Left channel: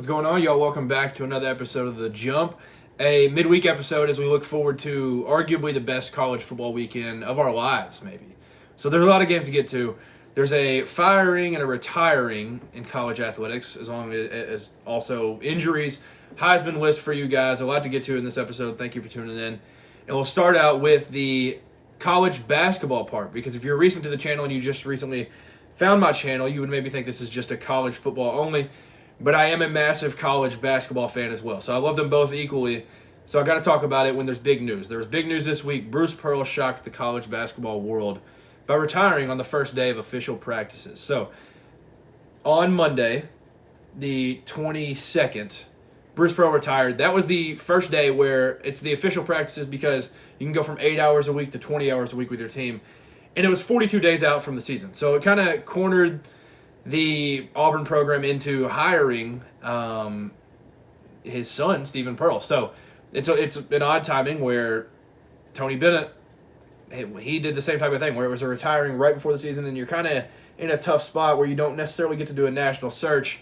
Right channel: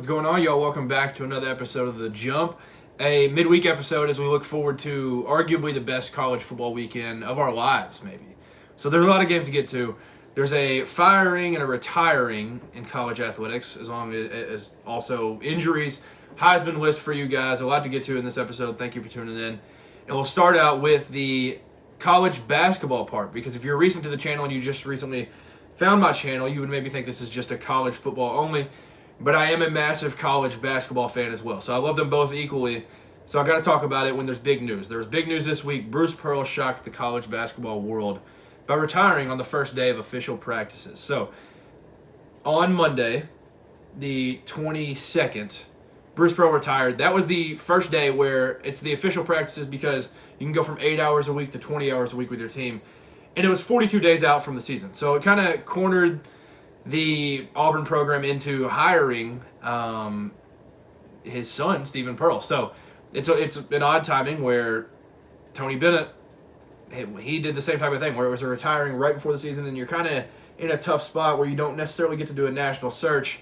What's going on, y'all? Welcome back to another episode of The Jump, a midweek episode as we look forward to arguably the best college football weekend of our lives, maybe. So there's a lot of games to get to. There's a firing and a retiring in college athletics, as long as also injuries. Heisman list for you guys, a lot to get to in this episode. Thank you for tuning in. And we'll start out with the college basketball part, because if you're recent to the channel and you just recently found my channel, you would maybe think this is just a college football only. But I am a massive college basketball fan as well. So I love them both equally. So I got to talk about it when there's big news. There was big news this week. Bruce Pearl shocked the college basketball world by retiring on the first day of official practices. So on Monday, the 22nd, Bruce Pearl retired. That was the first day where it's the official practices, because you can go from 8 hours a week to 20 hours a week with your team. And it was 42 days out from the season. So it kind of cornered the Auburn program into hiring his son, Stephen Pearl. So it's an odd timing where Tony Bennett, he did the same type of thing, where it was a retiring right before the season, and you're kind of in a tough spot where you don't necessarily get to do a national search.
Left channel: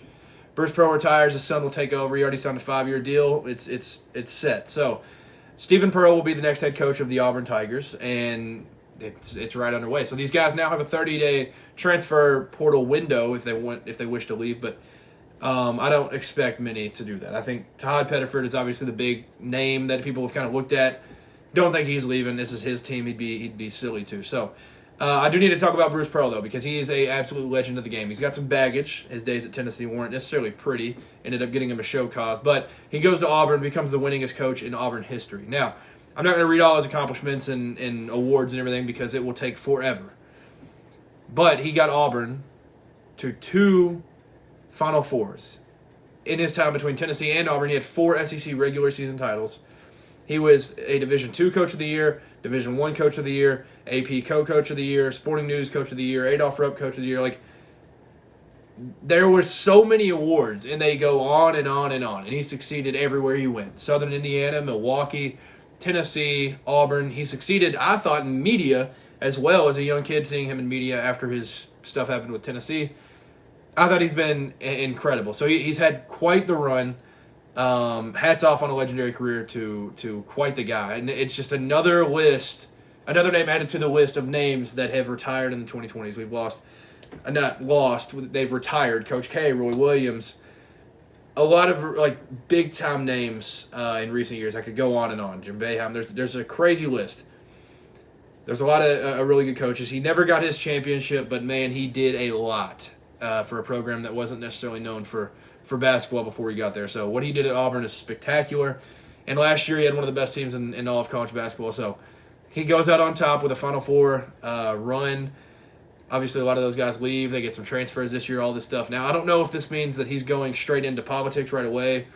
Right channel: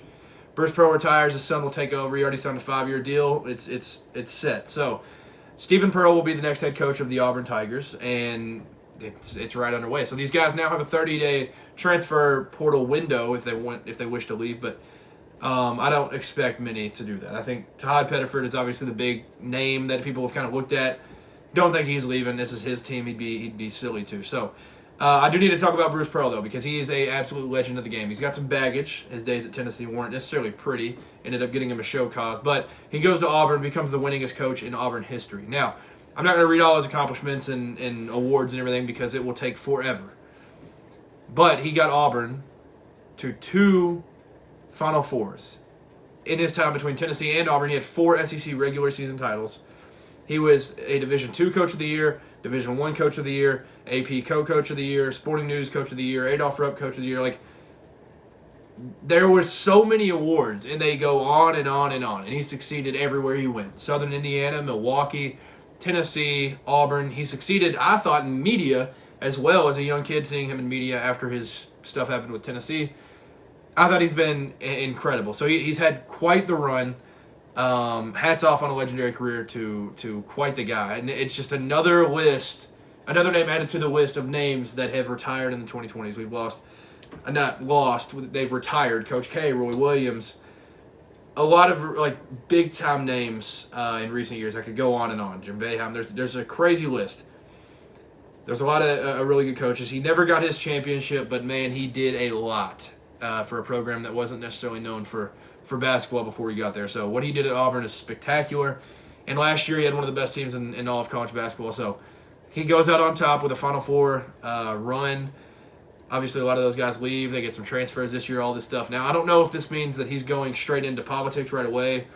Bruce Pearl retires, his son will take over. He already signed a 5-year deal. It's set. So Stephen Pearl will be the next head coach of the Auburn Tigers, and it's right underway. So these guys now have a 30-day transfer portal window if they wish to leave, but I don't expect many to do that. I think Todd Pettiford is obviously the big name that people have kind of looked at. Don't think he's leaving. This is his team. He'd be silly to. So I do need to talk about Bruce Pearl, though, because he is a absolute legend of the game. He's got some baggage. His days at Tennessee weren't necessarily pretty. Ended up getting him a show cause, but he goes to Auburn, becomes the winningest coach in Auburn history. Now, I'm not going to read all his accomplishments and awards and everything, because it will take forever. But he got Auburn to 2 Final Fours. In his time between Tennessee and Auburn, he had 4 SEC regular season titles. He was a Division II Coach of the Year, Division I Coach of the Year, AP Co-Coach of the Year, Sporting News Coach of the Year, Adolph Rupp Coach of the Year. Like, there were so many awards, and they go on and on and on. And he succeeded everywhere he went. Southern Indiana, Milwaukee, Tennessee, Auburn. He succeeded, I thought, in media as well, as a young kid, seeing him in media after his stuff happened with Tennessee. I thought he's been incredible. So he's had quite the run. Hats off on a legendary career to quite the guy. And it's just another name added to the list of names that have retired in the 2020s. They've retired. Coach K, Roy Williams, a lot of big time names in recent years. I could go on and on. Jim Boeheim. There's a crazy list. There's a lot of really good coaches. He never got his championship, but man, he did a lot for a program that wasn't necessarily known for basketball before he got there. So what he did at Auburn is spectacular. And last year he had one of the best teams in all of college basketball. So he goes out on top with a Final Four run. Obviously, a lot of those guys leave. They get some transfers this year, all this stuff. Now, I don't know if this means that he's going straight into politics right away.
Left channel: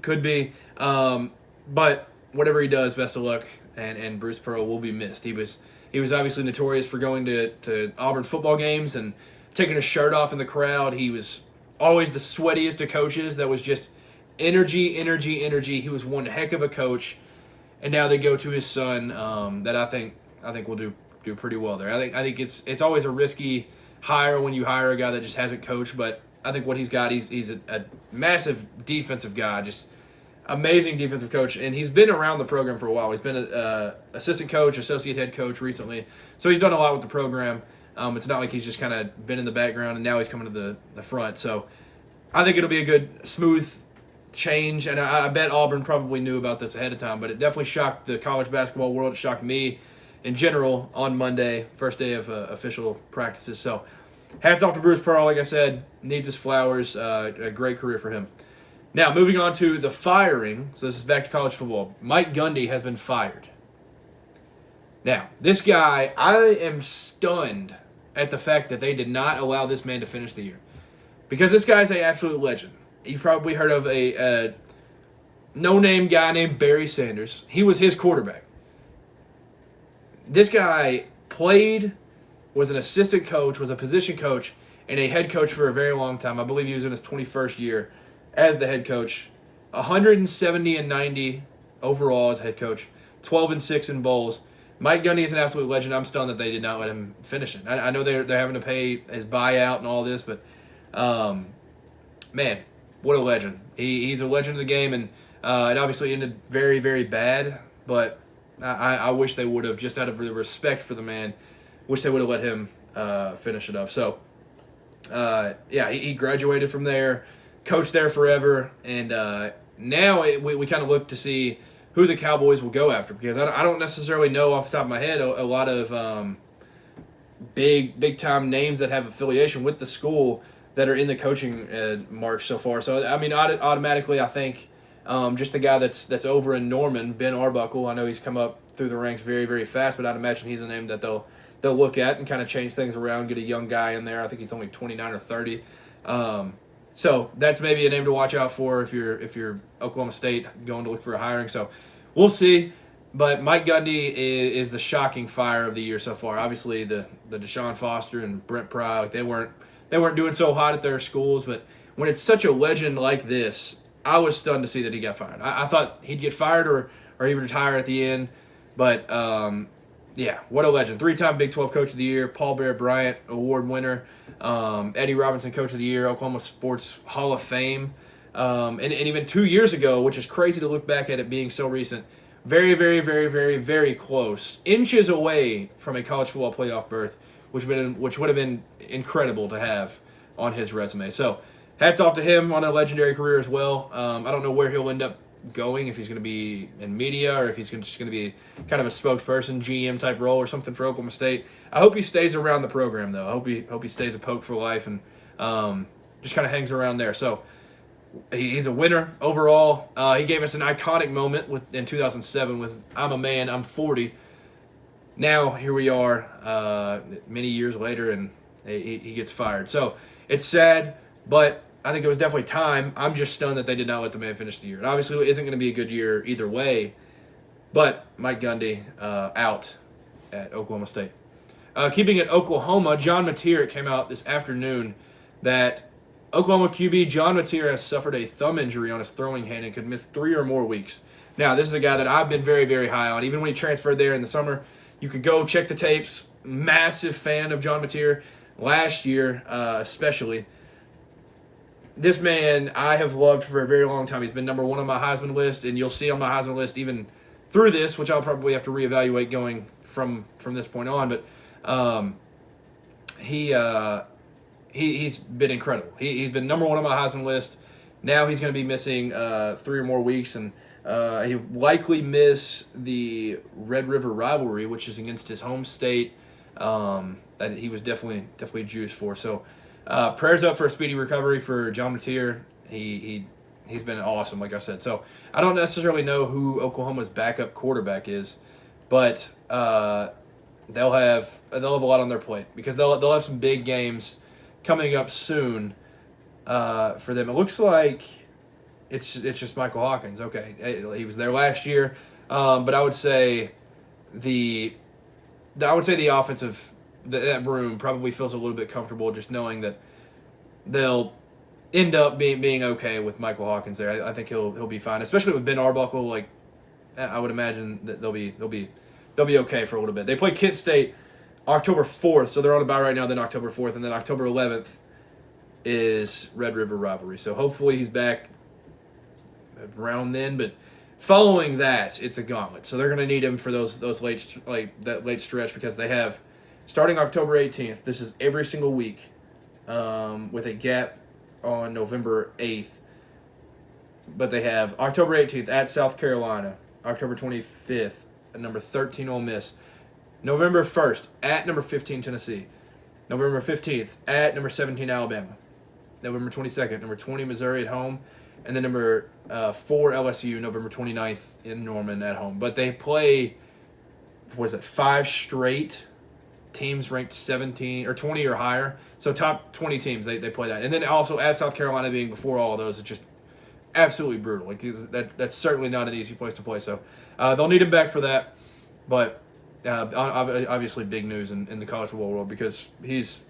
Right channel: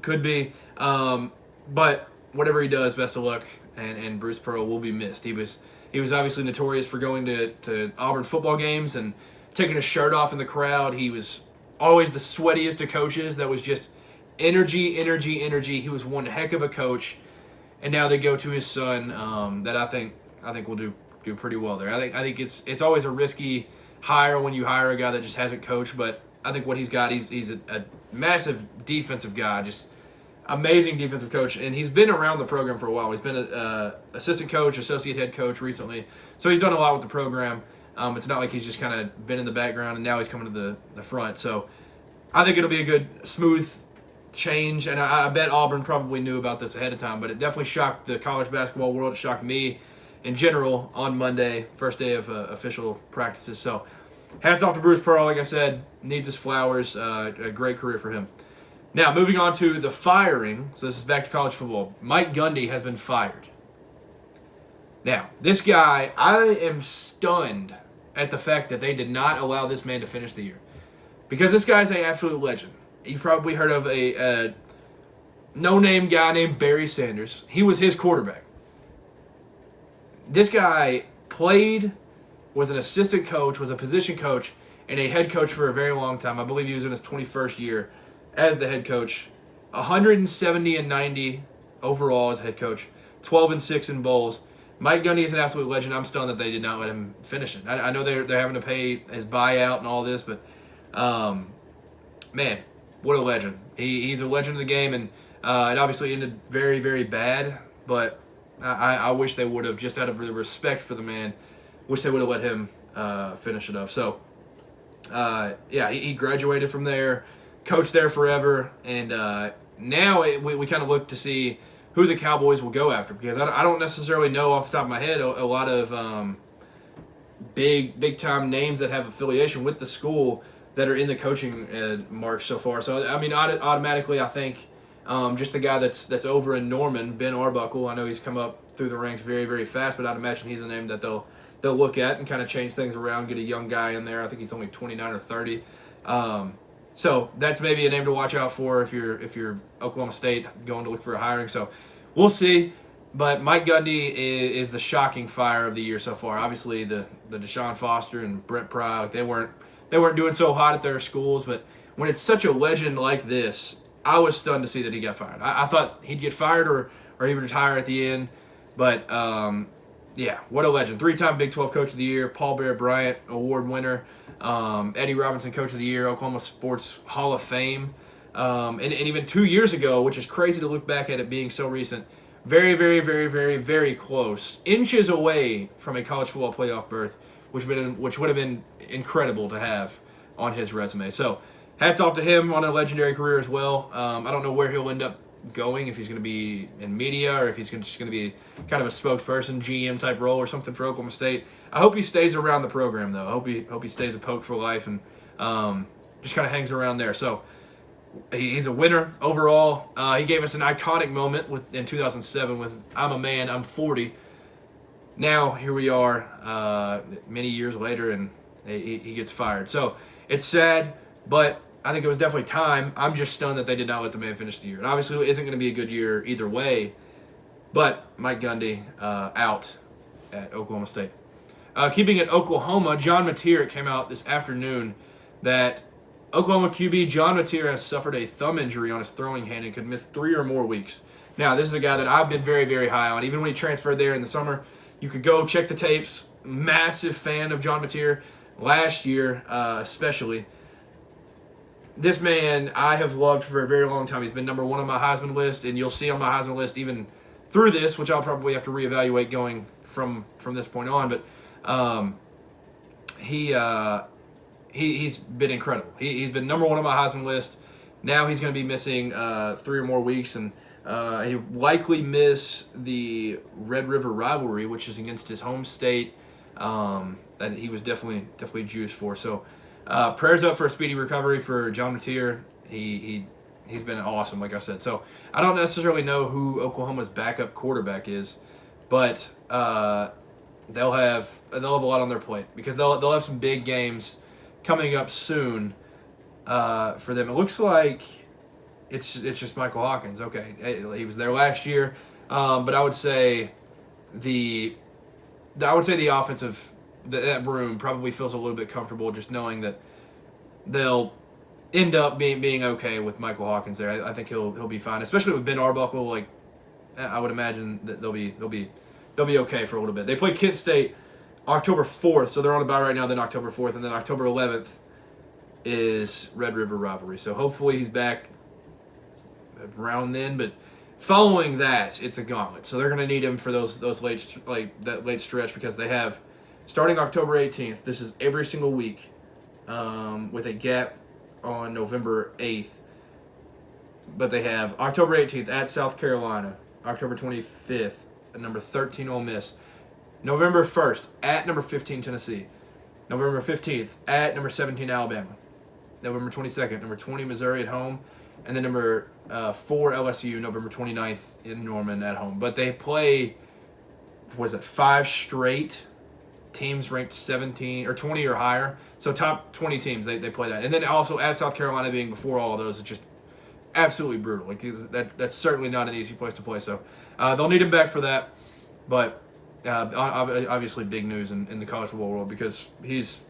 Could be. But whatever he does, best of luck. And Bruce Pearl will be missed. He was obviously notorious for going to Auburn football games and taking his shirt off in the crowd. He was always the sweatiest of coaches. That was just energy. He was one heck of a coach. And now they go to his son, that I think will do pretty well there. I think it's always a risky hire when you hire a guy that just hasn't coached, but I think what he's got, he's a massive defensive guy, just amazing defensive coach, and he's been around the program for a while. He's been an assistant coach, associate head coach recently, so he's done a lot with the program. It's not like he's just kind of been in the background and now he's coming to the front. So I think it'll be a good, smooth change, and I bet Auburn probably knew about this ahead of time, but it definitely shocked the college basketball world. It shocked me in general on Monday, first day of official practices. So hats off to Bruce Pearl. Like I said, needs his flowers. A great career for him. Now, moving on to the firing. So this is back to college football. Mike Gundy has been fired. Now, this guy, I am stunned at the fact that they did not allow this man to finish the year, because this guy is an absolute legend. You've probably heard of a no-name guy named Barry Sanders. He was his quarterback. This guy played, was an assistant coach, was a position coach, and a head coach for a very long time. I believe he was in his 21st year as the head coach. 170-90 overall as head coach. 12-6 in bowls. Mike Gundy is an absolute legend. I'm stunned that they did not let him finish it. I know they're having to pay his buyout and all this, but man, what a legend. He's a legend of the game, and it obviously ended very, very bad, but I wish they would have, just out of the respect for the man, wish they would have let him finish it up. So, yeah, he graduated from there, coached there forever, and now we kind of look to see who the Cowboys will go after, because I don't necessarily know off the top of my head a lot of big time names that have affiliation with the school that are in the coaching march so far. So I mean, automatically I think just the guy that's over in Norman, Ben Arbuckle. I know he's come up through the ranks very, very fast, but I'd imagine he's a name that they'll look at and kind of change things around, get a young guy in there. I think he's only 29 or 30. So that's maybe a name to watch out for if you're Oklahoma State going to look for a hiring. So we'll see. But Mike Gundy is the shocking fire of the year so far. Obviously, the Deshaun Foster and Brent Pry, like they weren't doing so hot at their schools. But when it's such a legend like this, I was stunned to see that he got fired. I thought he'd get fired or he'd retire at the end. But yeah, what a legend! 3-time Big 12 Coach of the Year, Paul Bear Bryant Award winner, Eddie Robinson Coach of the Year, Oklahoma Sports Hall of Fame, and even 2 years ago, which is crazy to look back at it being so recent. Very, very, very, very, very close, inches away from a college football playoff berth, which would have been incredible to have on his resume. So, hats off to him on a legendary career as well. I don't know where he'll end up going, if he's going to be in media or if he's just going to be kind of a spokesperson, GM type role or something for Oklahoma State. I hope he stays around the program though. I hope he stays a Poke for life and just kind of hangs around there. So he's a winner overall. He gave us an iconic moment in 2007 with "I'm a man, I'm 40." Now here we are, many years later, and he gets fired. So it's sad, but I think it was definitely time. I'm just stunned that they did not let the man finish the year. It obviously isn't going to be a good year either way, but Mike Gundy out at Oklahoma State. Keeping it Oklahoma, John Mateer, it came out this afternoon that Oklahoma QB John Mateer has suffered a thumb injury on his throwing hand and could miss 3 or more weeks. Now, this is a guy that I've been very, very high on. Even when he transferred there in the summer, you could go check the tapes. Massive fan of John Mateer. Last year, especially. This man I have loved for a very long time. He's been number 1 on my Heisman list, and you'll see on my Heisman list even through this, which I'll probably have to reevaluate going from this point on. But he's been incredible. He's been number 1 on my Heisman list. Now he's going to be missing 3 or more weeks, and he'll likely miss the Red River rivalry, which is against his home state. That he was definitely juiced for. So. Prayers up for a speedy recovery for John Mateer. He's been awesome, like I said. So I don't necessarily know who Oklahoma's backup quarterback is, but they'll have a lot on their plate because they'll have some big games coming up soon for them. It looks like it's just Michael Hawkins. Okay, he was there last year, but I would say the offensive. That room probably feels a little bit comfortable just knowing that they'll end up being okay with Michael Hawkins there. I think he'll be fine, especially with Ben Arbuckle. Like I would imagine that they'll be okay for a little bit. They play Kent State October 4th, so they're on a bye right now. Then October 4th, and then October 11th is Red River rivalry. So hopefully he's back around then. But following that, it's a gauntlet. So they're going to need him for that late stretch because they have. Starting October 18th, this is every single week with a gap on November 8th. But they have October 18th at South Carolina, October 25th at number 13 Ole Miss, November 1st at number 15 Tennessee, November 15th at number 17 Alabama, November 22nd, number 20 Missouri at home, and then number 4 LSU, November 29th in Norman at home. But they play, 5 straight teams ranked 17 or 20 or higher. So top 20 teams, they play that. And then also at South Carolina being before all of those, it's just absolutely brutal. Like that's certainly not an easy place to play. So they'll need him back for that. But obviously big news in the college football world because he's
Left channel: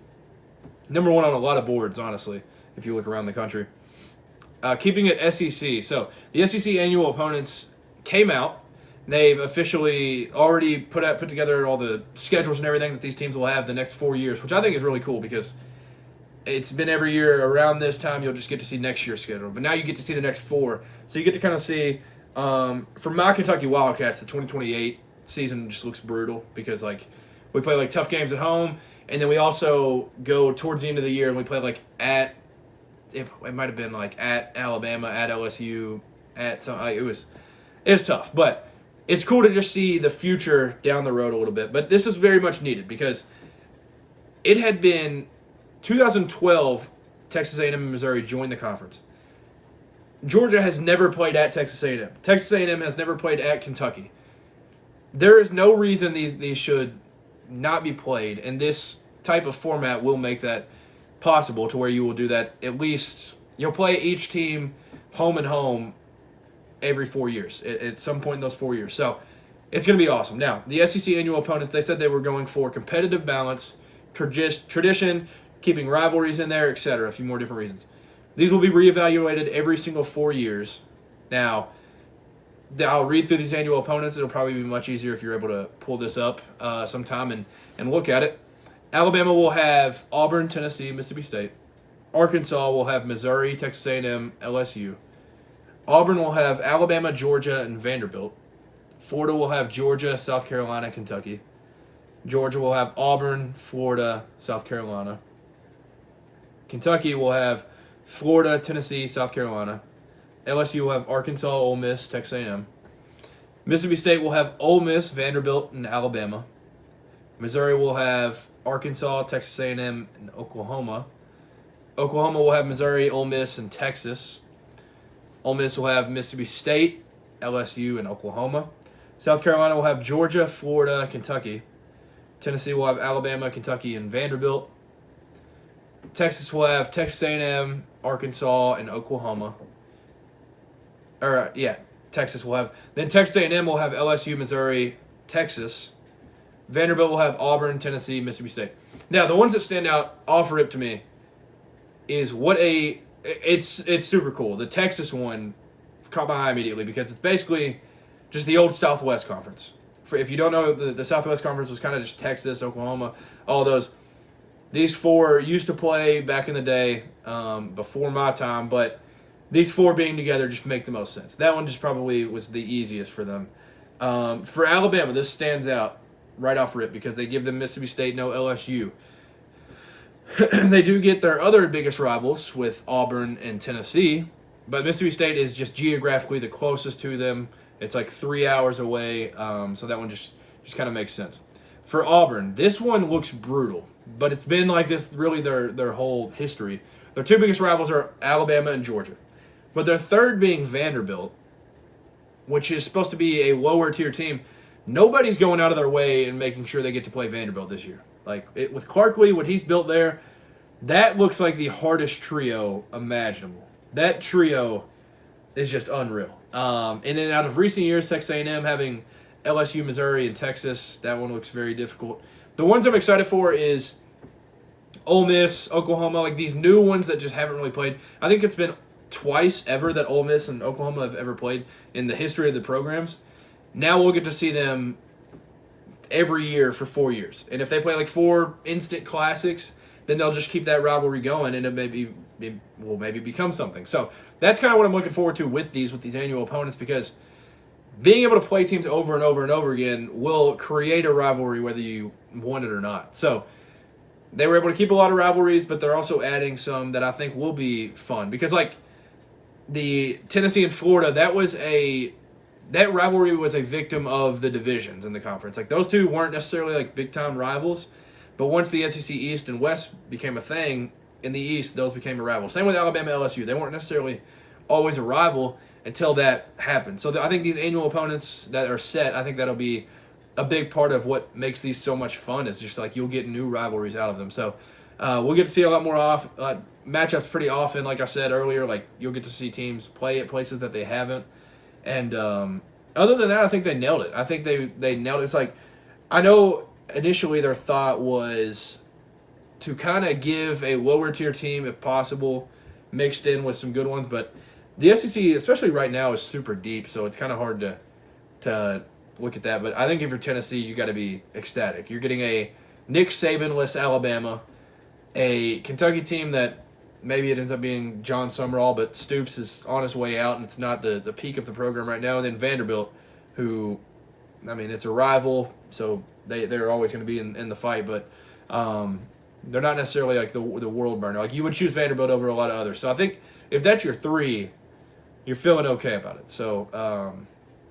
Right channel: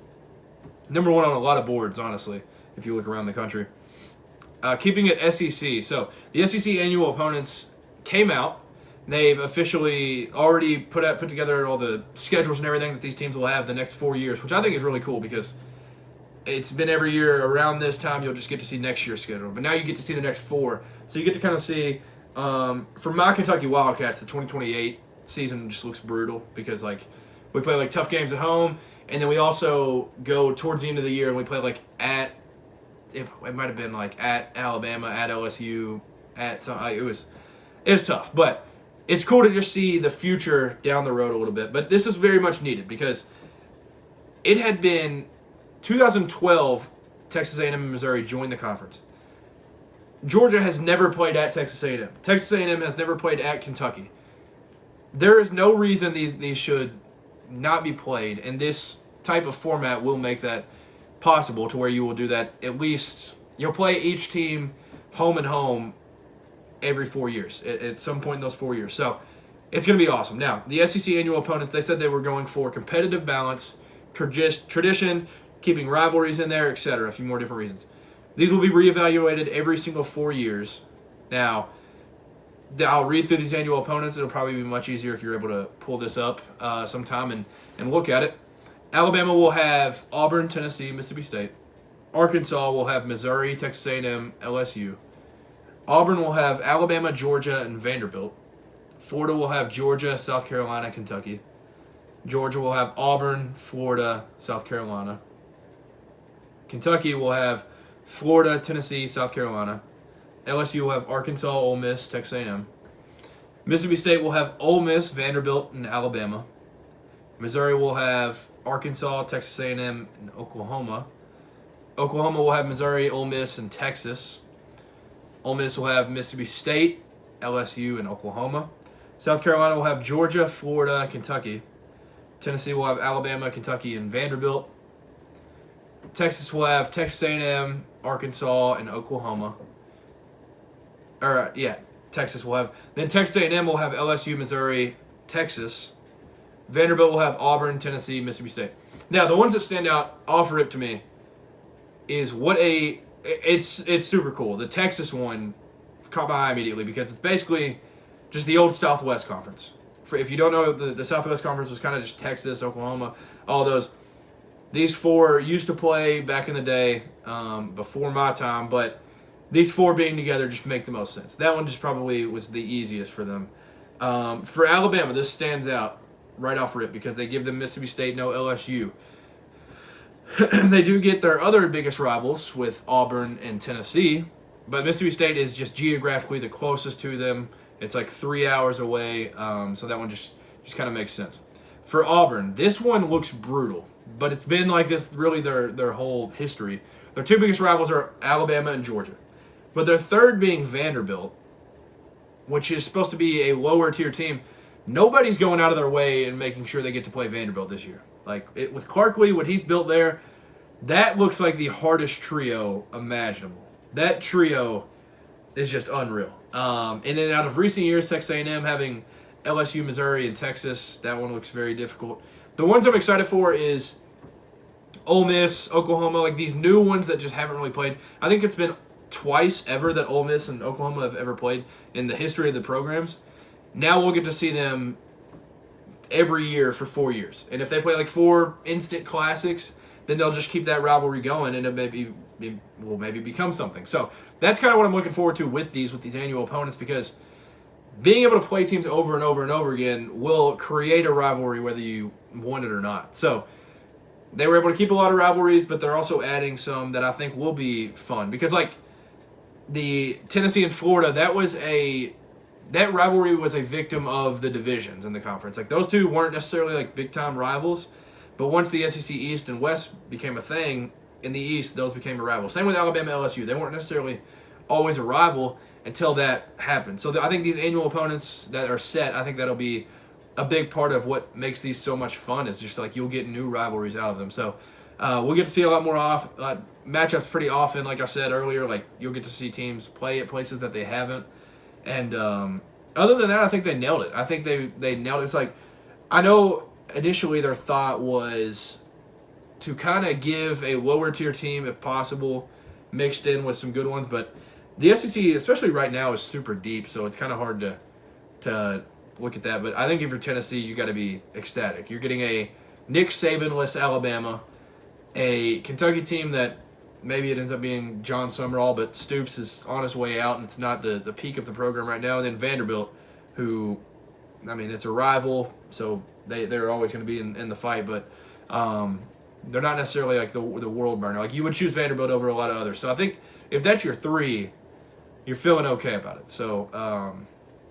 number 1 on a lot of boards, honestly, if you look around the country. Keeping it SEC. So the SEC annual opponents came out. They've officially already put together all the schedules and everything that these teams will have the next 4 years, which I think is really cool because it's been every year around this time you'll just get to see next year's schedule. But now you get to see the next 4. So you get to kind of see, for my Kentucky Wildcats, the 2028 season just looks brutal because, like, we play, like, tough games at home, and then we also go towards the end of the year and we play, like, it might have been, like, at Alabama, at LSU, at some, it was tough. But it's cool to just see the future down the road a little bit. But this is very much needed because it had been 2012, Texas A&M and Missouri joined the conference. Georgia has never played at Texas A&M. Texas A&M has never played at Kentucky. There is no reason these should not be played, and this type of format will make that possible to where you will do that. At least you'll play each team home and home every 4 years at some point in those 4 years. So it's going to be awesome. Now, the SEC annual opponents, they said they were going for competitive balance, tradition, keeping rivalries in there, etc. A few more different reasons. These will be reevaluated every single 4 years. Now, I'll read through these annual opponents. It'll probably be much easier if you're able to pull this up sometime and look at it. Alabama will have Auburn, Tennessee, Mississippi State. Arkansas will have Missouri, Texas A&M, LSU. Auburn will have Alabama, Georgia, and Vanderbilt. Florida will have Georgia, South Carolina, Kentucky. Georgia will have Auburn, Florida, South Carolina. Kentucky will have Florida, Tennessee, South Carolina. LSU will have Arkansas, Ole Miss, Texas A&M. Mississippi State will have Ole Miss, Vanderbilt, and Alabama. Missouri will have Arkansas, Texas A&M, and Oklahoma. Oklahoma will have Missouri, Ole Miss, and Texas. Ole Miss will have Mississippi State, LSU, and Oklahoma. South Carolina will have Georgia, Florida, Kentucky. Tennessee will have Alabama, Kentucky, and Vanderbilt. Texas will have Texas A&M, Arkansas, and Oklahoma. Texas will have. Then Texas A&M will have LSU, Missouri, Texas. Vanderbilt will have Auburn, Tennessee, Mississippi State. Now, the ones that stand out off rip to me is it's super cool. The Texas one caught my eye immediately because it's basically just the old Southwest Conference. If you don't know, the Southwest Conference was kind of just Texas, Oklahoma, all those. These 4 used to play back in the day before my time, but these 4 being together just make the most sense. That one just probably was the easiest for them. For Alabama, this stands out right off rip because they give them Mississippi State, no LSU. They do get their other biggest rivals with Auburn and Tennessee, but Mississippi State is just geographically the closest to them. It's like 3 hours away, so that one just kind of makes sense. For Auburn, this one looks brutal, but it's been like this really their whole history. Their 2 biggest rivals are Alabama and Georgia, but their third being Vanderbilt, which is supposed to be a lower tier team. Nobody's going out of their way and making sure they get to play Vanderbilt this year. Like, with Clarkley, what he's built there, that looks like the hardest trio imaginable. That trio is just unreal. And then out of recent years, Texas A&M having LSU, Missouri, and Texas, that one looks very difficult. The ones I'm excited for is Ole Miss, Oklahoma, like these new ones that just haven't really played. I think it's been twice ever that Ole Miss and Oklahoma have ever played in the history of the programs. Now we'll get to see them every year for 4 years. And if they play like 4 instant classics, then they'll just keep that rivalry going and it will maybe become something. So that's kind of what I'm looking forward to with these annual opponents, because being able to play teams over and over and over again will create a rivalry whether you want it or not. So they were able to keep a lot of rivalries, but they're also adding some that I think will be fun. Because like the Tennessee and Florida, that rivalry was a victim of the divisions in the conference. Like those two weren't necessarily like big time rivals, but once the SEC East and West became a thing in the East, those became a rival. Same with Alabama, LSU. They weren't necessarily always a rival until that happened. So I think these annual opponents that are set, I think that'll be a big part of what makes these so much fun. Is just like you'll get new rivalries out of them. So we'll get to see a lot more matchups pretty often. Like I said earlier, like you'll get to see teams play at places that they haven't. And other than that, I think they nailed it. I think they nailed it. It's like, I know initially their thought was to kind of give a lower tier team, if possible, mixed in with some good ones. But the SEC, especially right now, is super deep, so it's kind of hard to look at that. But I think if you're Tennessee, you got to be ecstatic. You're getting a Nick Saban-less Alabama a Kentucky team that maybe it ends up being John Summerall, but Stoops is on his way out, and it's not the peak of the program right now. And then Vanderbilt, who, I mean, it's a rival, so they're always going to be in the fight, but they're not necessarily like the world burner. Like, you would choose Vanderbilt over a lot of others. So I think if that's your three, you're feeling okay about it. So,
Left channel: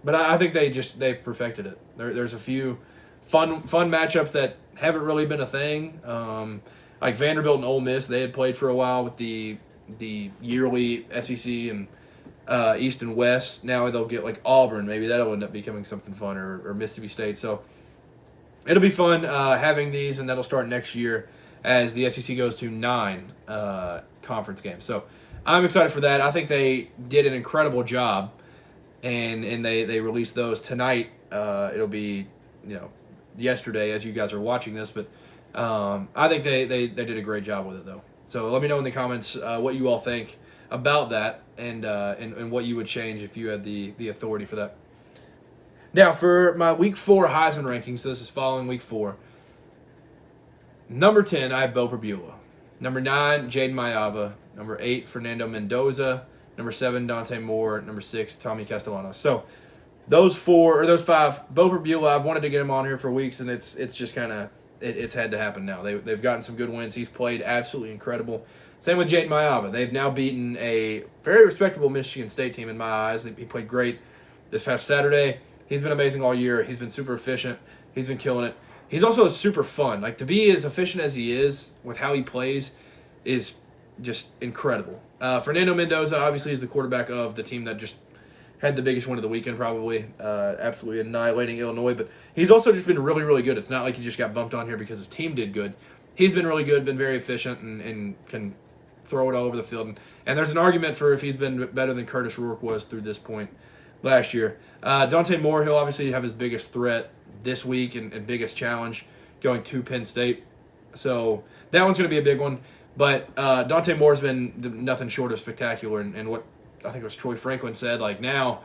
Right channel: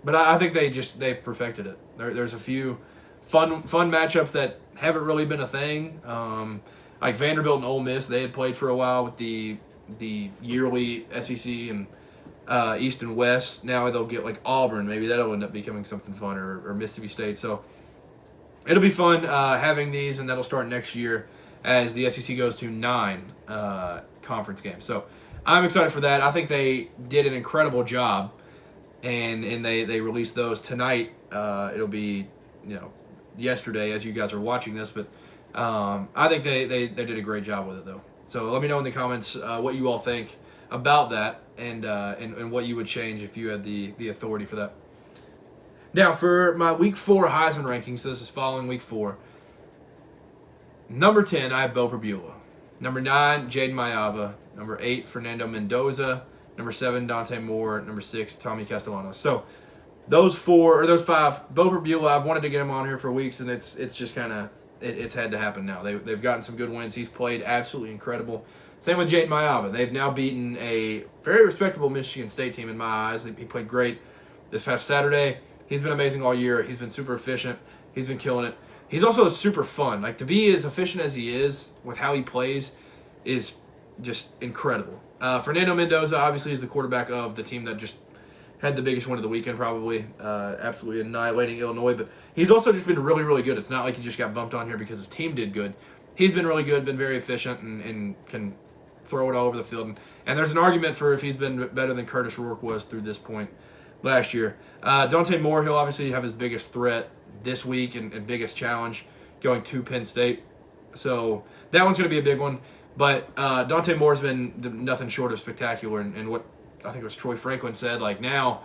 but I think they perfected it. There's a few fun matchups that haven't really been a thing. Like Vanderbilt and Ole Miss, they had played for a while with the yearly SEC and East and West. Now they'll get like Auburn. Maybe that'll end up becoming something fun, or Mississippi State. So it'll be fun having these, and that'll start next year as the SEC goes to 9 conference games. So I'm excited for that. I think they did an incredible job, and they released those tonight. It'll be, yesterday as you guys are watching this, but I think they did a great job with it, though. So let me know in the comments what you all think about that, and what you would change if you had the authority for that. Now, for my Week 4 Heisman rankings, so this is following Week 4. Number 10, I have Beau Pribula. Number 9, Jaden Mayava. Number 8, Fernando Mendoza. Number 7, Dante Moore. Number 6, Tommy Castellanos. So those 5, Beau Pribula, I've wanted to get him on here for weeks, and it's just kind of it's had to happen now. They've gotten some good wins. He's played absolutely incredible. Same with Jaden Mayava. They've now beaten a very respectable Michigan State team in my eyes. He played great this past Saturday. He's been amazing all year. He's been super efficient. He's been killing it. He's also super fun. Like, to be as efficient as he is with how he plays is just incredible. Fernando Mendoza obviously is the quarterback of the team that just had the biggest win of the weekend, probably. Absolutely annihilating Illinois. But he's also just been really, really good. It's not like he just got bumped on here because his team did good. He's been really good, been very efficient, and can throw it all over the field. And there's an argument for if he's been better than Curtis Rourke was through this point last year. Dante Moore, he'll obviously have his biggest threat this week and biggest challenge going to Penn State. So that one's going to be a big one. But Dante Moore's been nothing short of spectacular. And what I think it was Troy Franklin said, like, now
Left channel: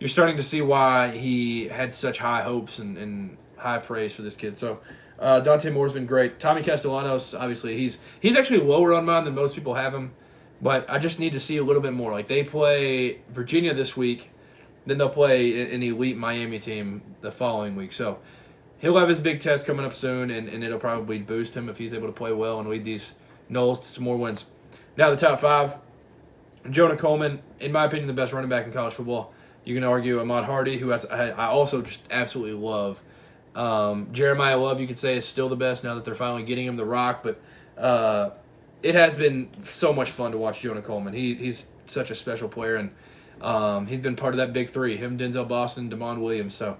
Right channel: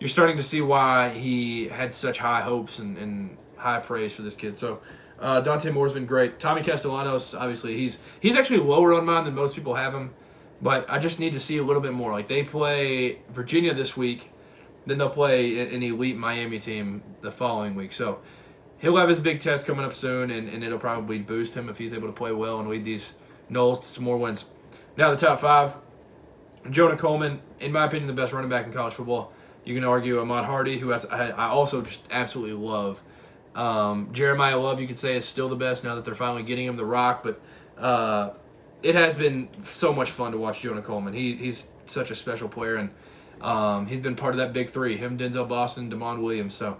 you're starting to see why he had such high hopes and high praise for this kid. So Dante Moore's been great. Tommy Castellanos, obviously, he's actually lower on mine than most people have him. But I just need to see a little bit more. Like, they play Virginia this week. Then they'll play an elite Miami team the following week. So he'll have his big test coming up soon, and it'll probably boost him if he's able to play well and lead these Noles to some more wins. Now the top 5. Jonah Coleman, in my opinion, the best running back in college football. You can argue Ahmad Hardy, who I also just absolutely love. Jeremiah Love, you could say, is still the best now that they're finally getting him the rock. But it has been so much fun to watch Jonah Coleman. He's such a special player, and he's been part of that big 3, him, Denzel Boston, Damon Williams. So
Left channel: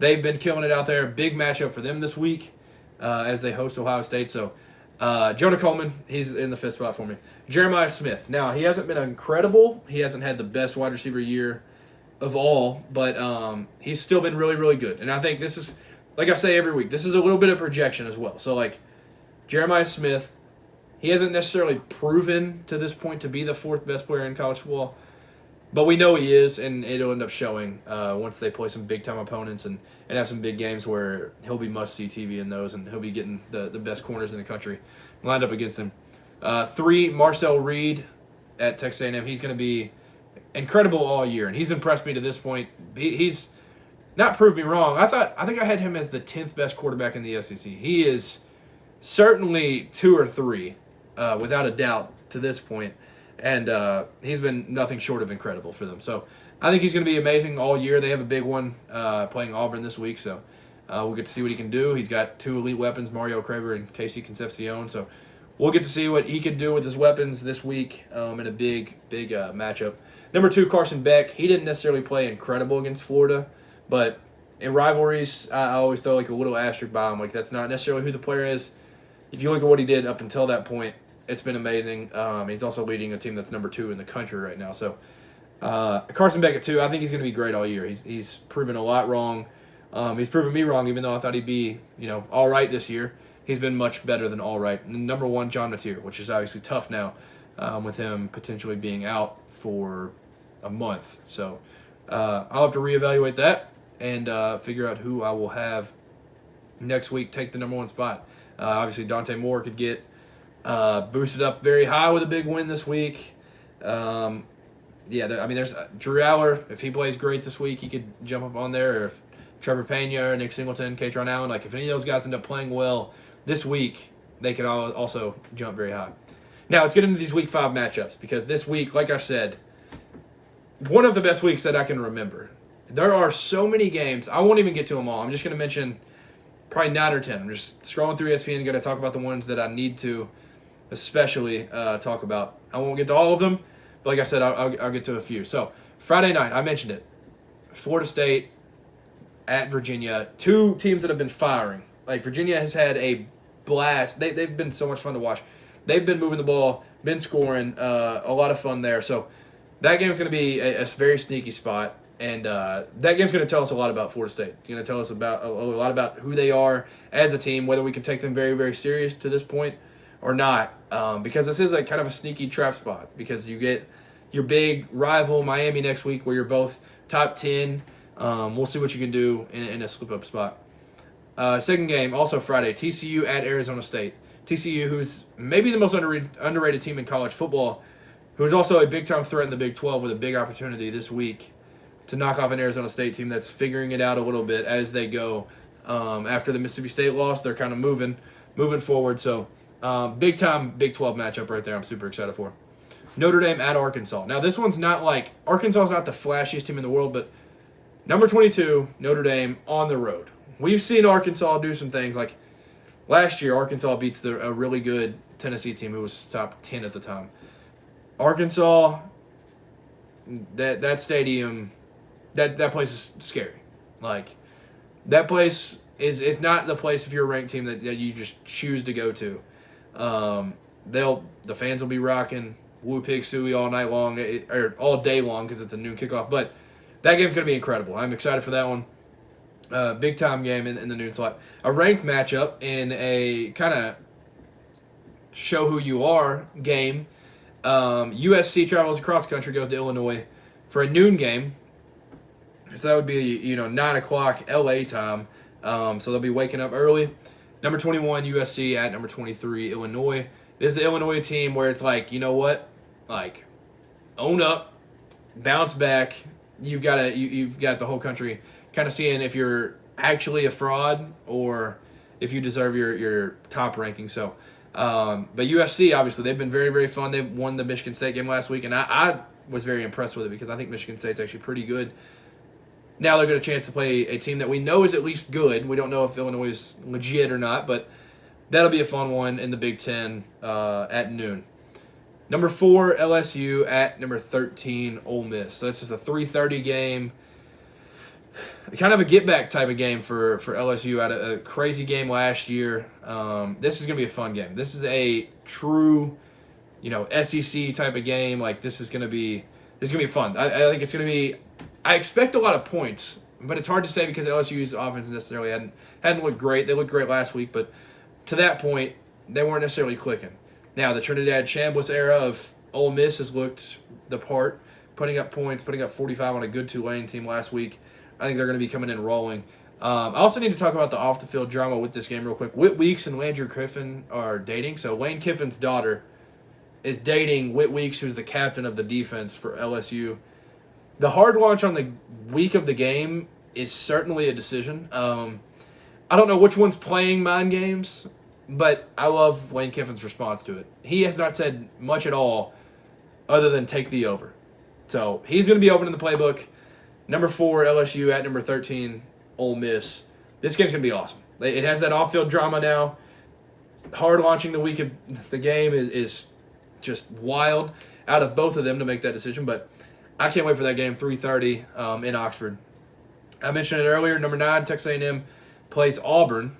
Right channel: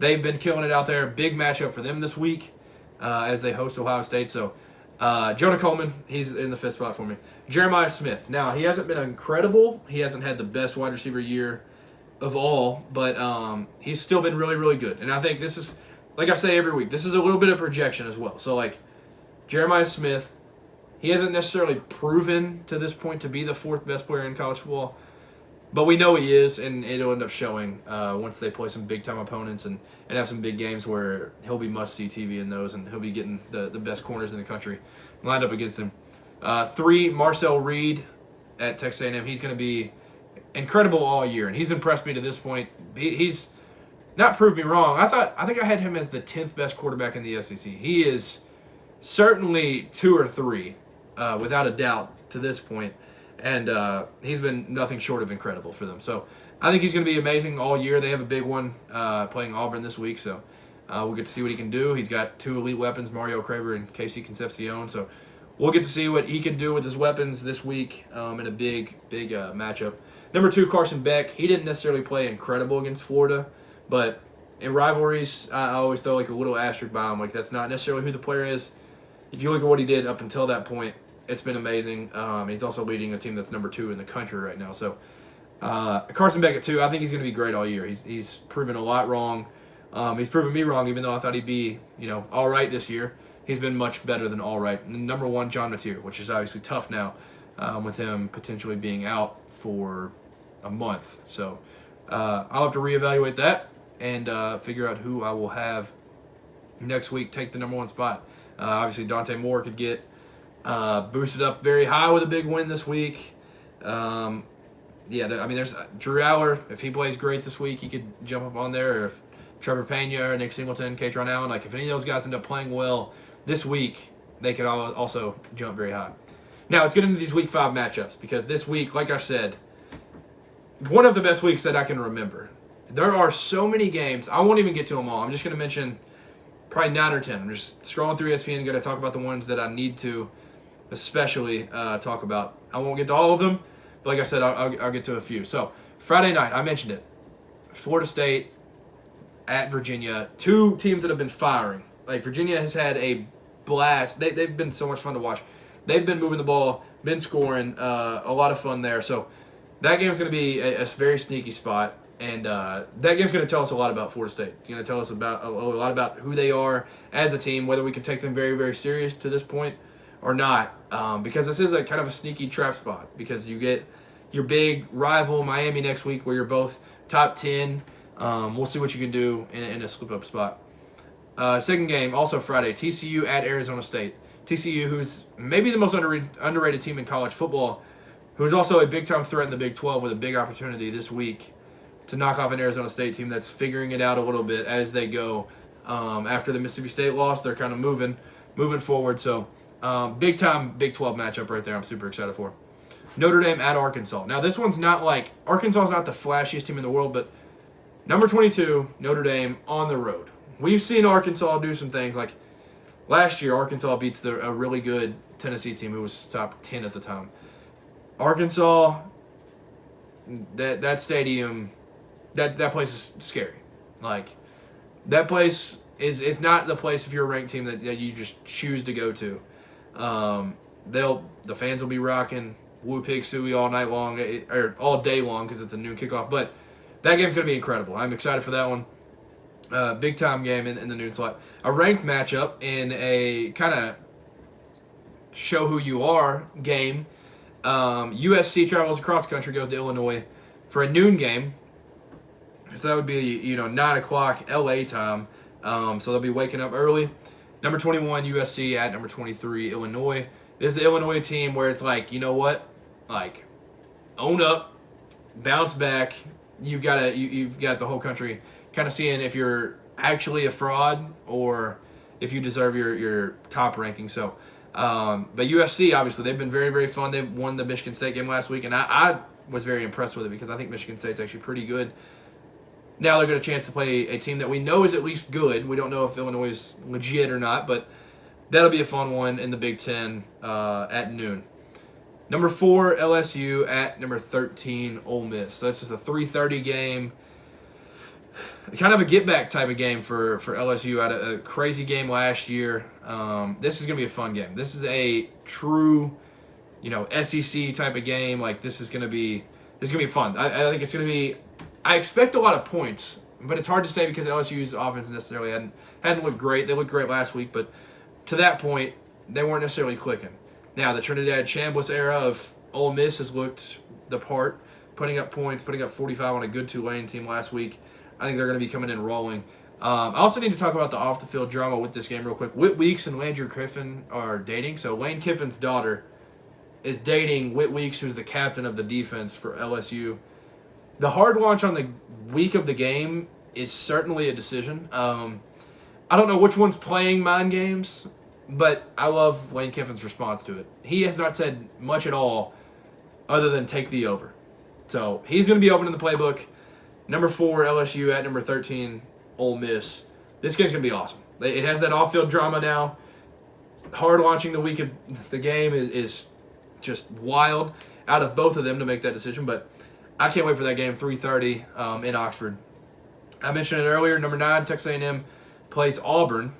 they've been killing it out there. Big matchup for them this week as they host Ohio State. So Jonah Coleman, he's in the 5th spot for me. Jeremiah Smith. Now, he hasn't been incredible. He hasn't had the best wide receiver year of all, but he's still been really, really good. And I think this is, like I say every week, this is a little bit of projection as well. So, like, Jeremiah Smith, he hasn't necessarily proven to this point to be the 4th best player in college football, but we know he is, and it'll end up showing once they play some big-time opponents and have some big games where he'll be must-see TV in those, and he'll be getting the best corners in the country lined up against him. 3, Marcel Reed at Texas A&M. He's going to be incredible all year, and he's impressed me to this point. He's not proved me wrong. I think I had him as the 10th best quarterback in the SEC. He is certainly 2 or 3, without a doubt, to this point. And he's been nothing short of incredible for them. So I think he's going to be amazing all year. They have a big one playing Auburn this week, so we'll get to see what he can do. He's got 2 elite weapons, Mario Craver and Casey Concepcion. So we'll get to see what he can do with his weapons this week in a big matchup. Number 2, Carson Beck. He didn't necessarily play incredible against Florida, but in rivalries, I always throw like a little asterisk by him. Like, that's not necessarily who the player is. If you look at what he did up until that point, it's been amazing. He's also leading a team that's number 2 in the country right now. So Carson Beck at 2, I think he's going to be great all year. He's proven a lot wrong. He's proven me wrong, even though I thought he'd be, all right this year. He's been much better than all right. And number 1, John Mateer, which is obviously tough now with him potentially being out for a month. So I'll have to reevaluate that and figure out who I will have next week take the number 1 spot. Obviously, Dante Moore could get Boosted up very high with a big win this week. There's Drew Aller. If he plays great this week, he could jump up on there. Or if Trevor Pena or Nick Singleton, Katron Allen, if any of those guys end up playing well this week, they could also jump very high. Now, let's get into these Week 5 matchups, because this week, like I said, one of the best weeks that I can remember. There are so many games. I won't even get to them all. I'm just going to mention probably 9 or 10. I'm just scrolling through ESPN, going to talk about the ones that I need to especially talk about. I won't get to all of them, but like I said, I'll get to a few. So, Friday night, I mentioned it. Florida State at Virginia. Two teams that have been firing. Virginia has had a blast. They've been so much fun to watch. They've been moving the ball, been scoring, a lot of fun there. So that game's going to be a very sneaky spot, and that game's going to tell us a lot about Florida State. It's going to tell us about a lot about who they are as a team, whether we can take them very, very serious to this point or not, because this is a kind of a sneaky trap spot, because you get your big rival Miami next week where you're both top 10. We'll see what you can do in a slip-up spot. Second game, also Friday, TCU at Arizona State. TCU, who's maybe the most underrated team in college football, who's also a big-time threat in the Big 12 with a big opportunity this week to knock off an Arizona State team that's figuring it out a little bit as they go. After the Mississippi State loss, they're kind of moving forward. So, big-time Big 12 matchup right there I'm super excited for. Notre Dame at Arkansas. Now, this one's not Arkansas is not the flashiest team in the world, but number 22, Notre Dame on the road. We've seen Arkansas do some things. Last year, Arkansas beats a really good Tennessee team who was top 10 at the time. Arkansas, that stadium, that place is scary. That place is not the place if you're a ranked team that you just choose to go to. The fans will be rocking Woo Pig Suey all night long, or all day long because it's a noon kickoff. But that game's going to be incredible. I'm excited for that one. Big time game in the noon slot. A ranked matchup in a kind of show who you are game. USC travels across the country, goes to Illinois for a noon game. So that would be 9 o'clock LA time. So they'll be waking up early. Number 21 USC at number 23 Illinois. This is the Illinois team where it's you know what, own up, bounce back. You've got the whole country kind of seeing if you're actually a fraud or if you deserve your top ranking. So, but USC, obviously, they've been very, very fun. They won the Michigan State game last week, and I was very impressed with it because I think Michigan State's actually pretty good. Now they're going to chance to play a team that we know is at least good. We don't know if Illinois is legit or not, but that'll be a fun one in the Big Ten at noon. Number 4, LSU at number 13, Ole Miss. So that's just a 3:30 game. Kind of a get-back type of game for LSU. Had a crazy game last year. This is going to be a fun game. This is a true, SEC type of game. This is going to be fun. I think it's going to be. I expect a lot of points, but it's hard to say because LSU's offense necessarily hadn't looked great. They looked great last week, but to that point, they weren't necessarily clicking. Now, the Trinidad Chambliss era of Ole Miss has looked the part, putting up points, putting up 45 on a good Tulane team last week. I think they're going to be coming in rolling. I also need to talk about the off-the-field drama with this game real quick. Whit Weeks and Landry Kiffin are dating. So Lane Kiffin's daughter is dating Whit Weeks, who's the captain of the defense for LSU. The hard launch on the week of the game is certainly a decision. I don't know which one's playing mind games, but I love Lane Kiffin's response to it. He has not said much at all other than take the over. So he's going to be opening the playbook. Number 4, LSU at number 13, Ole Miss. This game's going to be awesome. It has that off-field drama now. Hard launching the week of the game is just wild out of both of them to make that decision, but I can't wait for that game, 3:30 in Oxford. I mentioned it earlier, number 9, Texas A&M plays Auburn.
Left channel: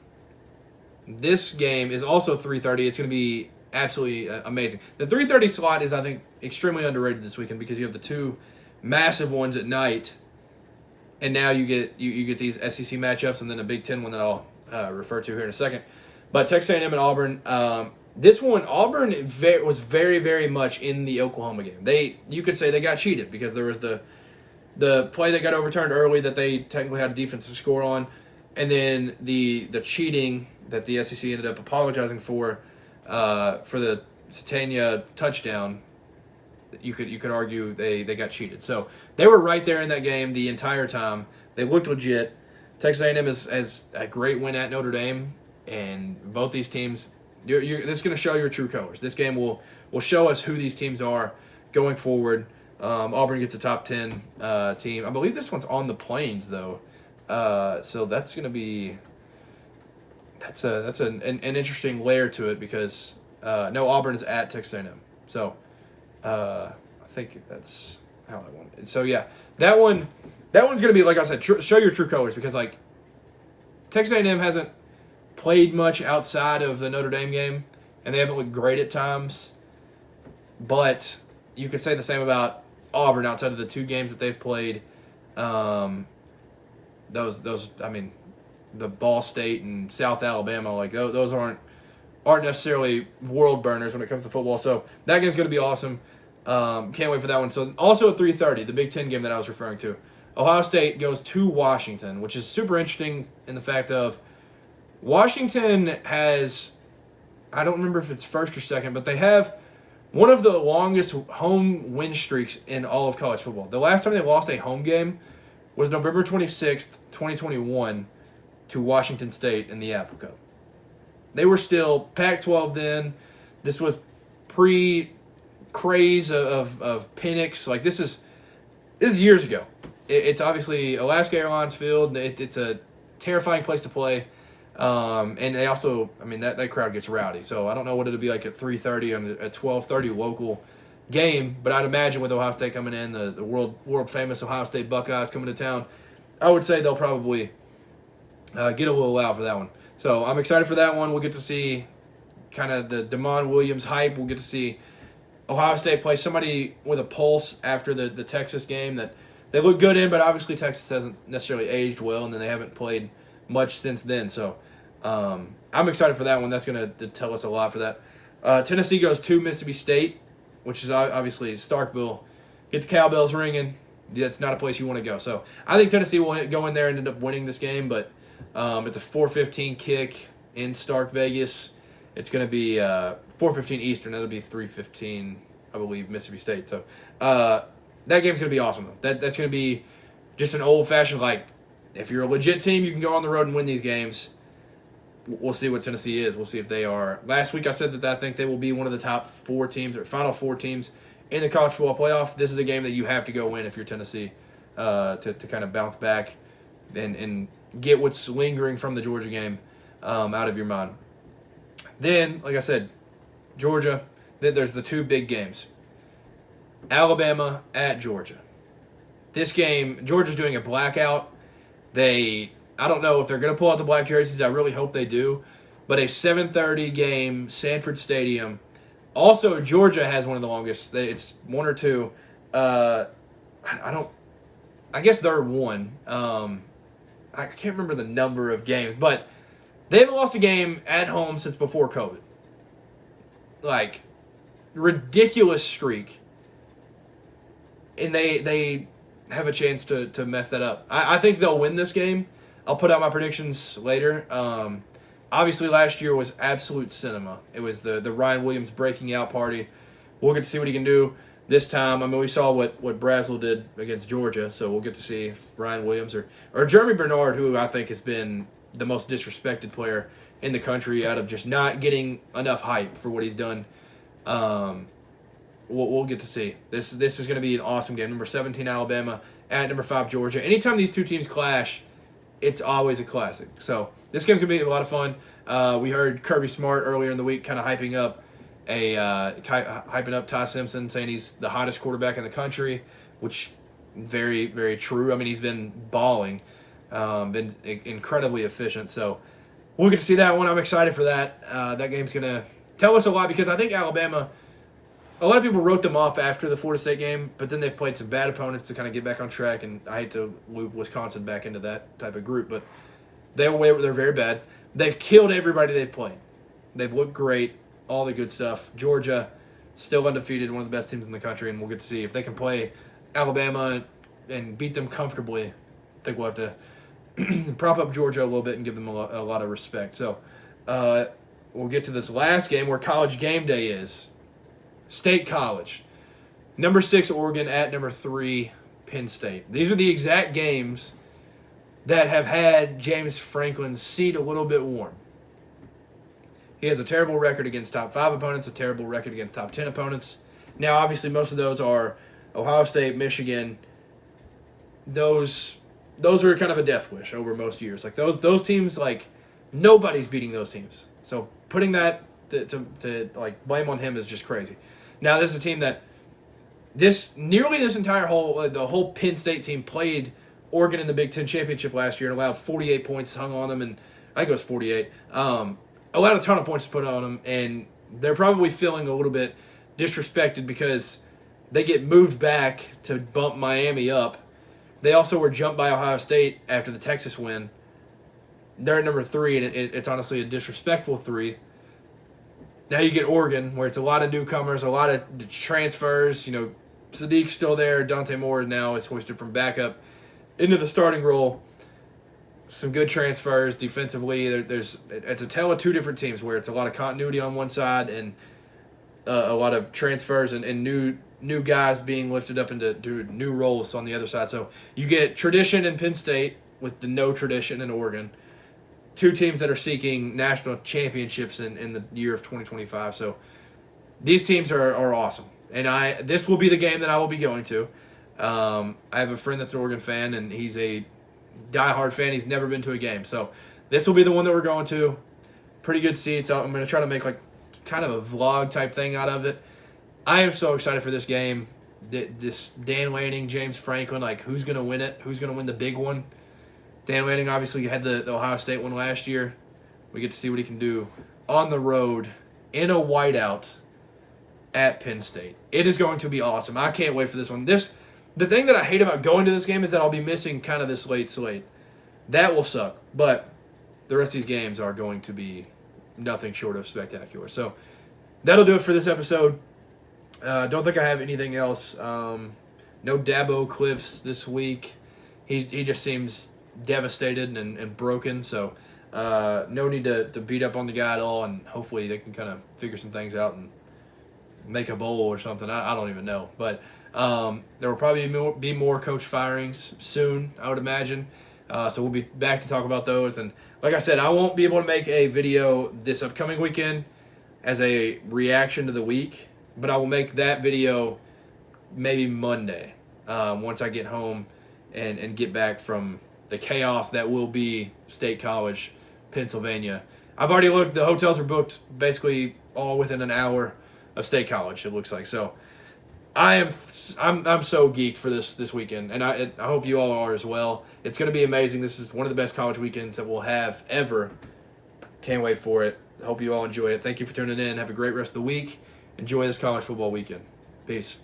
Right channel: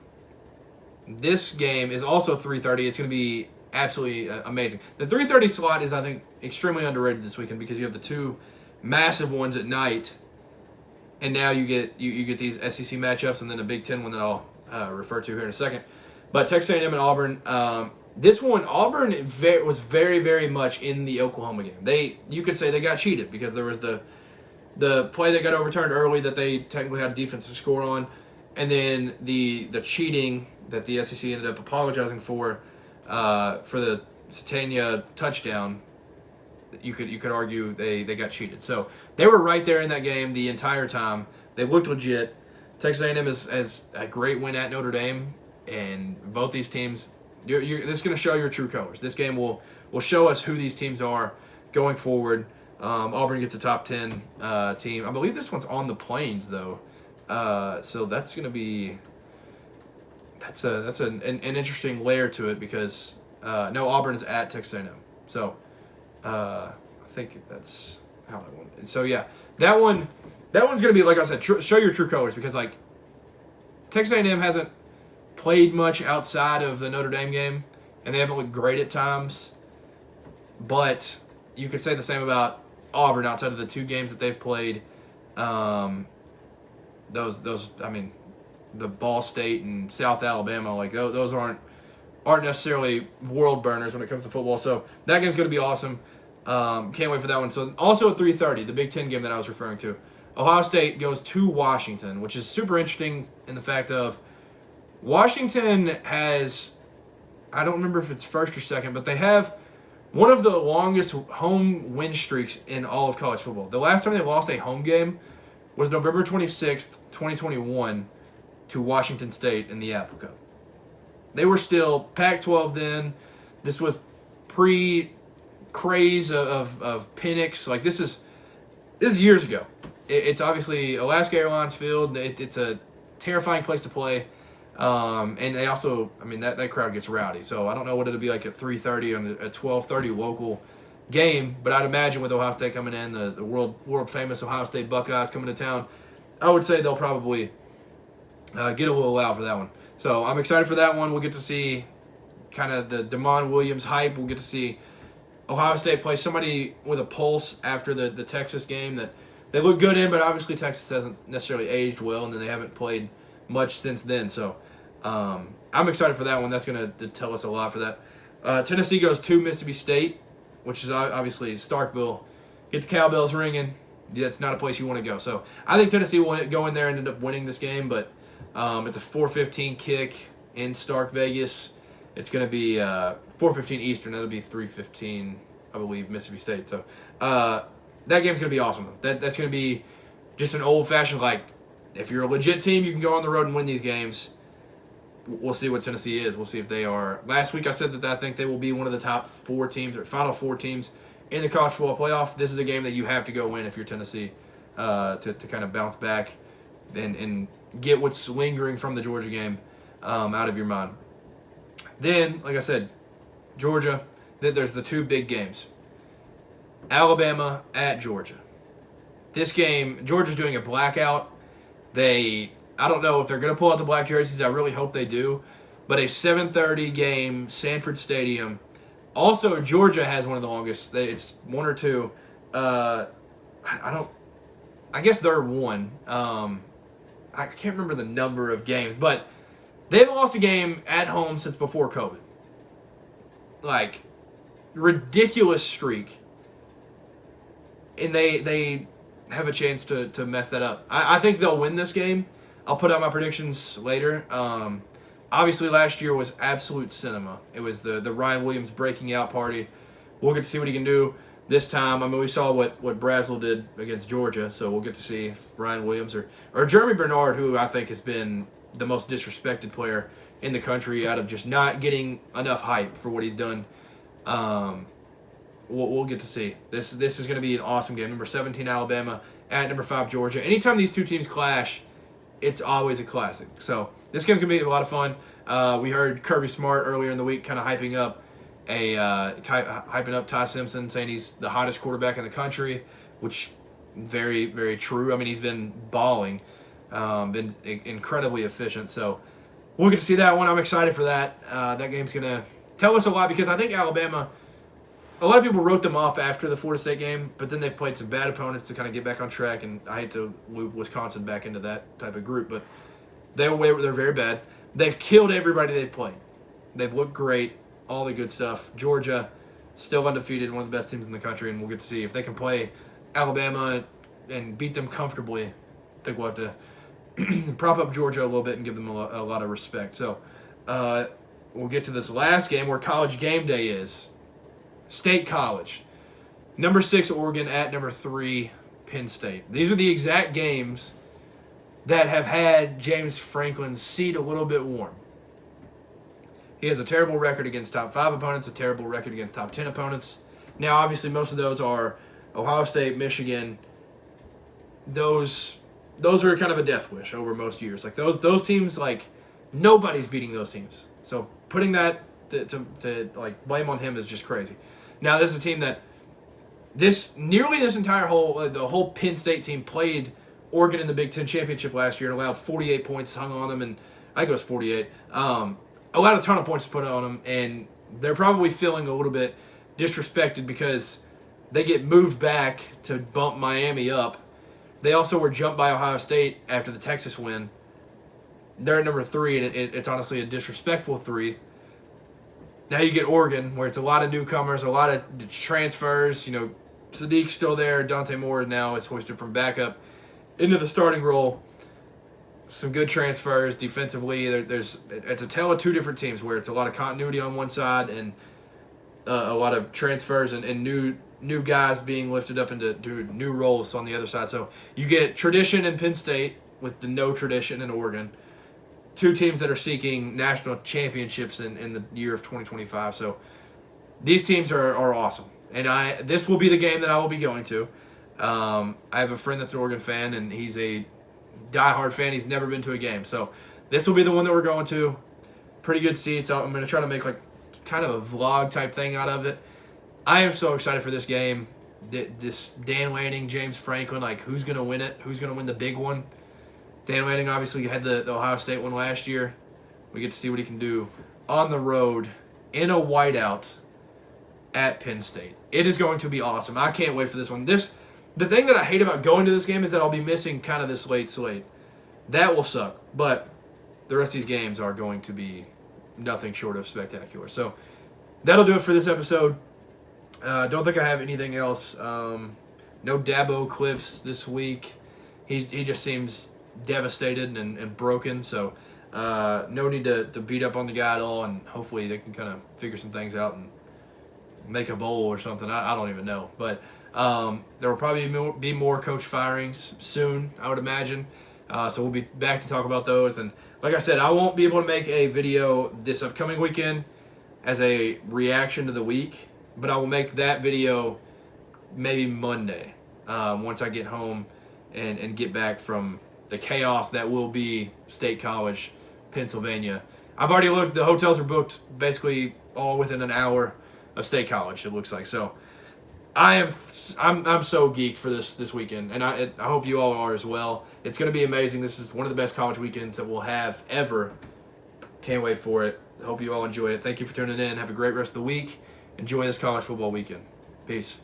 This game is also 3:30. It's going to be absolutely amazing. The 3:30 slot is, I think, extremely underrated this weekend because you have the two massive ones at night, and now you get these SEC matchups and then a Big Ten one that I'll refer to here in a second. But Texas A&M and Auburn, this one, Auburn was very, very much in the Oklahoma game. You could say they got cheated because there was the play that got overturned early that they technically had a defensive score on, and then the cheating that the SEC ended up apologizing for for the Satania touchdown, you could argue they got cheated. So they were right there in that game the entire time. They looked legit. Texas A&M has a great win at Notre Dame, and both these teams, this is going to show your true colors. This game will show us who these teams are going forward. Auburn gets a top 10 team. I believe this one's on the Plains though, so that's going to be an interesting layer to it because no, Auburn is at Texas A&M. So I think that's how that one. So yeah, that one's going to be, like I said, show your true colors because like Texas A&M hasn't played much outside of the Notre Dame game, and they haven't looked great at times. But you could say the same about Auburn outside of the two games that they've played. Those I mean, the Ball State and South Alabama, like those aren't necessarily world burners when it comes to football. So that game's going to be awesome. Can't wait for that one. So also at 3:30, the Big Ten game that I was referring to, Ohio State goes to Washington, which is super interesting in the fact of Washington has, I don't remember if it's first or second, but they have one of the longest home win streaks in all of college football. The last time they lost a home game was November 26th, 2021 to Washington State in the Apple Cup. They were still Pac-12 then. This was pre-craze of Penix. Like this is years ago. It's obviously Alaska Airlines Field. It's a terrifying place to play. And they also, I mean, that crowd gets rowdy. So I don't know what it'll be like at 3:30 and a 12:30 local game, but I'd imagine with Ohio State coming in, the world famous Ohio State Buckeyes coming to town, I would say they'll probably get a little loud for that one. So I'm excited for that one. We'll get to see kind of the Damon Williams hype. We'll get to see Ohio State play somebody with a pulse after the Texas game that they look good in, but obviously Texas hasn't necessarily aged well, and then they haven't played much since then. So I'm excited for that one. That's going to tell us a lot for that. Tennessee goes to Mississippi State, which is obviously Starkville. Get the cowbells ringing. That's not a place you want to go. So I think Tennessee will go in there and end up winning this game, but it's a 4:15 kick in Stark, Vegas. It's going to be 4:15 Eastern. That'll be 3:15, I believe, Mississippi State. So that game's going to be awesome. That's going to be just an old-fashioned, like, if you're a legit team, you can go on the road and win these games. We'll see what Tennessee is. We'll see if they are. Last week I said that I think they will be one of the top 4 teams or final 4 teams in the college football playoff. This is a game that you have to go win if you're Tennessee to kind of bounce back and get what's lingering from the Georgia game out of your mind. Then, like I said, Georgia, then there's the 2 big games. Alabama at Georgia. This game, Georgia's doing a blackout. I don't know if they're going to pull out the black jerseys. I really hope they do. But a 7:30 game, Sanford Stadium. Also, Georgia has one of the longest. It's 1 or 2. I guess they're 1. I can't remember the number of games, but they haven't lost a game at home since before COVID. Like, ridiculous streak. And they have a chance to mess that up. I think they'll win this game. I'll put out my predictions later. Obviously, last year was absolute cinema. It was the Ryan Williams breaking out party. We'll get to see what he can do this time. I mean, we saw what Brazel did against Georgia, so we'll get to see if Ryan Williams or Jeremy Bernard, who I think has been the most disrespected player in the country out of just not getting enough hype for what he's done. We'll get to see. This is going to be an awesome game. Number 17 Alabama at number 5 Georgia. Anytime these two teams clash, it's always a classic. So this game's going to be a lot of fun. We heard Kirby Smart earlier in the week kind of hyping up Ty Simpson, saying he's the hottest quarterback in the country, which very, very true. I mean, he's been balling, been incredibly efficient. So we'll get to see that one. I'm excited for that. That game's going to tell us a lot because I think Alabama, a lot of people wrote them off after the Florida State game, but then they've played some bad opponents to kind of get back on track, and I hate to loop Wisconsin back into that type of group, but they're very bad. They've killed everybody they've played. They've looked great, all the good stuff. Georgia, still undefeated, one of the best teams in the country, and we'll get to see if they can play Alabama and beat them comfortably. I think we'll have to prop up Georgia a little bit and give them a lot of respect. So, we'll get to this last game where College game day is. State College. Number 6, Oregon at number 3, Penn State. These are the exact games that have had James Franklin's seat a little bit warm. He has a terrible record against top 5 opponents, a terrible record against top 10 opponents. Now, obviously, most of those are Ohio State, Michigan. Those are kind of a death wish over most years. Like those teams, like nobody's beating those teams. So putting that to like blame on him is just crazy. Now, this is a team that this entire the whole Penn State team played Oregon in the Big Ten championship last year and allowed 48 points hung on them, and I think it was 48. Allowed a ton of points to put on them, and they're probably feeling a little bit disrespected because they get moved back to bump Miami up. They also were jumped by Ohio State after the Texas win. They're at number 3, and it's honestly a disrespectful 3. Now you get Oregon, where it's a lot of newcomers, a lot of transfers. You know, Sadiq's still there. Dante Moore now is hoisted from backup into the starting role. Some good transfers defensively. It's a tale of two different teams where it's a lot of continuity on one side and a lot of transfers and new guys being lifted up into new roles on the other side. So you get tradition in Penn State with the no tradition in Oregon. Two teams that are seeking national championships in the year of 2025. So these teams are awesome. And this will be the game that I will be going to. I have a friend that's an Oregon fan, and he's a diehard fan. He's never been to a game. So this will be the one that we're going to. Pretty good seats. I'm going to try to make like kind of a vlog type thing out of it. I am so excited for this game. This Dan Lanning, James Franklin, like who's going to win it? Who's going to win the big one? Dan Lanning obviously had the Ohio State one last year. We get to see what he can do on the road in a whiteout at Penn State. It is going to be awesome. I can't wait for this one. The thing that I hate about going to this game is that I'll be missing kind of this late slate. That will suck. But the rest of these games are going to be nothing short of spectacular. So that'll do it for this episode. Don't think I have anything else. No Dabo clips this week. He just seems devastated and broken. So no need to beat up on the guy at all. And hopefully they can kind of figure some things out and make a bowl or something. I don't even know. But there will probably be more coach firings soon, I would imagine. So we'll be back to talk about those. And like I said, I won't be able to make a video this upcoming weekend as a reaction to the week, but I will make that video maybe Monday once I get home and get back from the chaos that will be State College, Pennsylvania. I've already looked. The hotels are booked basically all within an hour of State College, it looks like. So I'm so geeked for this weekend, and I hope you all are as well. It's going to be amazing. This is one of the best college weekends that we'll have ever. Can't wait for it. I hope you all enjoy it. Thank you for tuning in. Have a great rest of the week. Enjoy this college football weekend. Peace.